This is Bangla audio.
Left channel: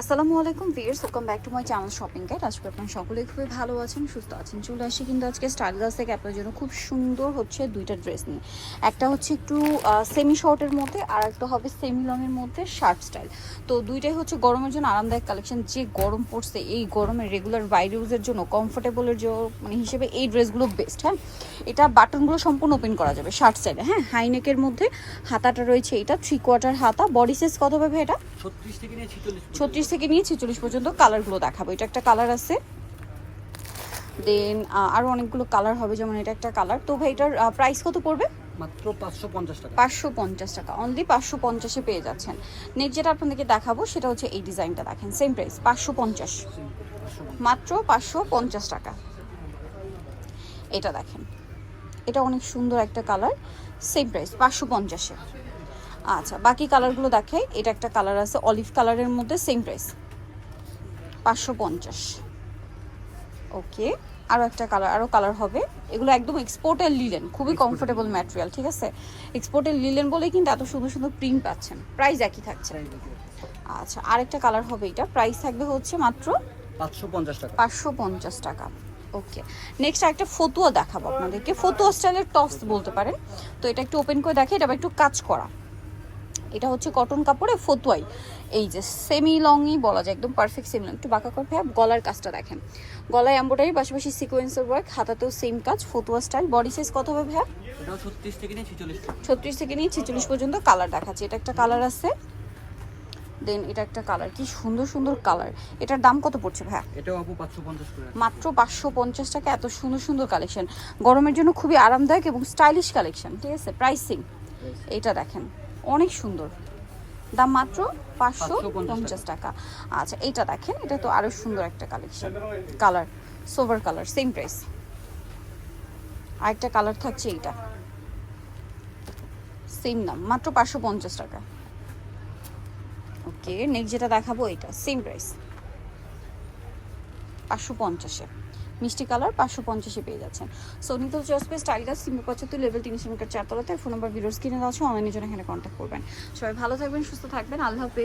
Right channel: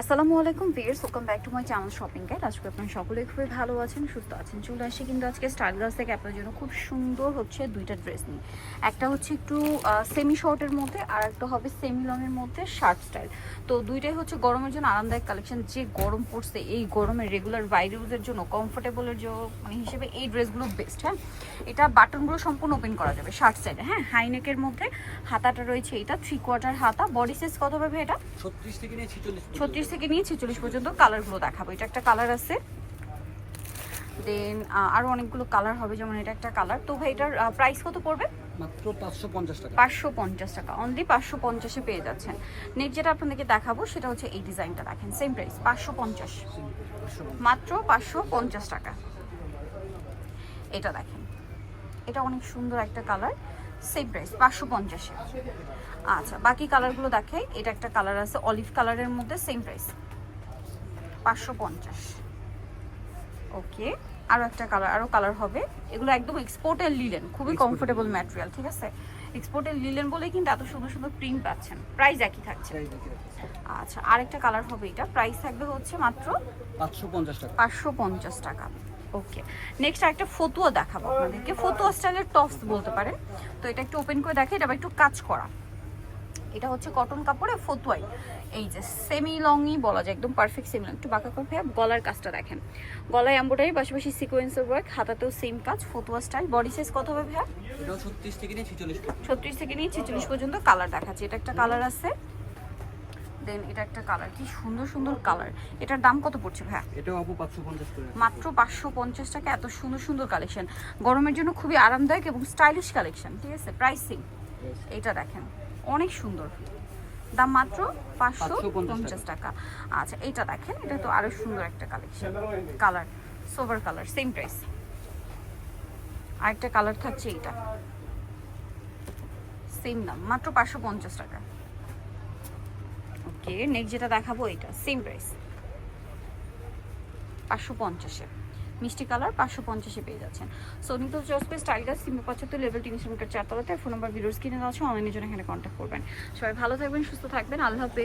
আসসালামু আলাইকুম viewers welcome back to my channel shopping guide আজকে আপনারা সকলে খুবই ভালো আছেন সুস্থ আছেন। চলে আসি কিন্তু আজকে স্টাইল গার্লস থেকে। আপনার জন্য খুব সুন্দর হচ্ছে দুইটা ড্রেস নিয়ে। একটা হচ্ছে একটু সেমি শর্টের মধ্যে আর একটা হবে সেমি লংয়ের মধ্যে শার্ট স্টাইল তো দুইটাই হচ্ছে গরমের জন্য আরামদায়ক কালেকশন যে গরম পড়ছে এই গরমে রেগুলার বাইরে ইউজের জন্য কমফোর্টেবলের জন্য মানে হিসেবে এই ড্রেসগুলো বেস্ট হ্যাঁ? এটা বাটনগুলো সম্পূর্ণ ওপেন করা যাবে শার্ট স্টাইলে হ্যাঁ? হাইনেকের মধ্যে হাতাটা রয়েছে এটা থ্রি কোয়ার্টার হাতা। বডি সাইজ কত পাবে এটা? ছত্রিশ থেকে নিয়ে ছত্রিশ থেকে নিয়ে ছেচল্লিশ পর্যন্ত কালারগুলো দেখাবো। এটা একটা কালার আছে। দেন আরও অনেকগুলো কালার হবে যেমন এটা একটা কালার। তো ভাই এটার প্রাইস কত পড়বে? মাত্র পাঁচশো পঞ্চাশ টাকা। পাঁচশো পঞ্চাশ টাকা। অনলি পাঁচশো পঞ্চাশে পেয়ে যাচ্ছেন। নেক্সট যেটা আপনাদেরকে দেখাবো সেটা হচ্ছে এই ডিজাইনটা দেখেন। সেম প্রাইস পাঁচশো পঞ্চাশ। মাত্র পাঁচশো পঞ্চাশ টাকা। এটা দেখেন। এটা অনেক সুন্দর একটা কালার। সেম প্রাইস পাঁচশো পঞ্চাশে। আচ্ছা বাকি কালারগুলো দেখাই। এটা একটা কালার আছে অলিভ কালারের মধ্যে সেম প্রাইস পাঁচশো পঞ্চাশ। ওকে আরও একটা কালার আরও কালার হবে। এগুলো একদম এক্সপোর্টের লিলেন খুবই কমফোর্টেবল ম্যাটেরিয়াল ঠিক আছে? এক্সপোর্টের লিলেন বলে কিন্তু এত সুন্দর সুন্দর প্রিন্ট পাচ্ছেন। প্রাইস একই থাকছে। আচ্ছা আরেকটা কালার হবে এটা। প্রাইস থাকবে হচ্ছে মাত্র পাঁচশো পঞ্চাশ টাকা। পাঁচশো পঞ্চাশ টাকা। ওকে নেক্সট আরেকটা ফতুয়া দেখাবো আপনাদেরকে। ফতুয়া স্টাইলের টপস বলতে পারেন। তো এটা একটু ওপেন করে দেখে এটা একটু কাজ করা। এটা হচ্ছে কটন কাপড়ে ফতুয়াই। এই যে সেমি লংই বলা যায় একদম পারফেক্ট সেমি লং একটু বাঁকা করে ভাইয়া গলার কাজটা দেখেন। গলায় এম্ব্রয়ডারি পাশাপাশি সিকোয়েন্সের ওয়ার্ক হাতাতেও সেম কাজ ফতুয়া স্টাইল বডি সাইজ কত হবে ভাইয়া? ছত্রিশ থেকে নিয়ে ছিচল্লিশ পর্যন্ত। কালার দেখাচ্ছে। এটা একটা কালার আছে। দেন এটা একটা কালার কি সুন্দর সুন্দর কালার এটার দাম কত পড়ছে ভাইয়া? এটাও আপু পাঁচশো পঞ্চাশ করে মাত্র পাঁচশো পঞ্চাশ টাকা। এত সুন্দর সুন্দর কালেকশন গরমের জন্য খুবই আরামদায়ক এবং স্টাইলিশ কালেকশন ঠিক আছে? প্রাইসিং এটা দেখেন। অনেক সুন্দর। দাম মাত্র পাঁচশো পঞ্চাশ টাকা। আচ্ছা এইটা দেখেন এটা তো আরও সুন্দর একটা কালেকশন কালার সোভার কালার সেম প্রাইস আরেকটা কালার থাকছে এইটা। সেম দাম মাত্র পাঁচশো পঞ্চাশ টাকা। ওকে নেক্সট যেটা দেখাবো এটা সেম প্রাইস পাঁচশো পঞ্চাশে। মিষ্টি কালার পাঁচশো পঞ্চাশে পেয়ে যাচ্ছেন। সোনি তো চসপে স্টাইল গাছ তিনশো পঁচাত্তর লেভেল তিনশো মিটার চারতলাতে। ফোন নম্বর ভিডিওস কিনে দেওয়া অনলাইনের জন্য এখানে কন্ট্যাক্ট করবেন। সবাই ভালো থাকবেন, সুস্থ থাকবেন। আল্লাহ হাফেজ।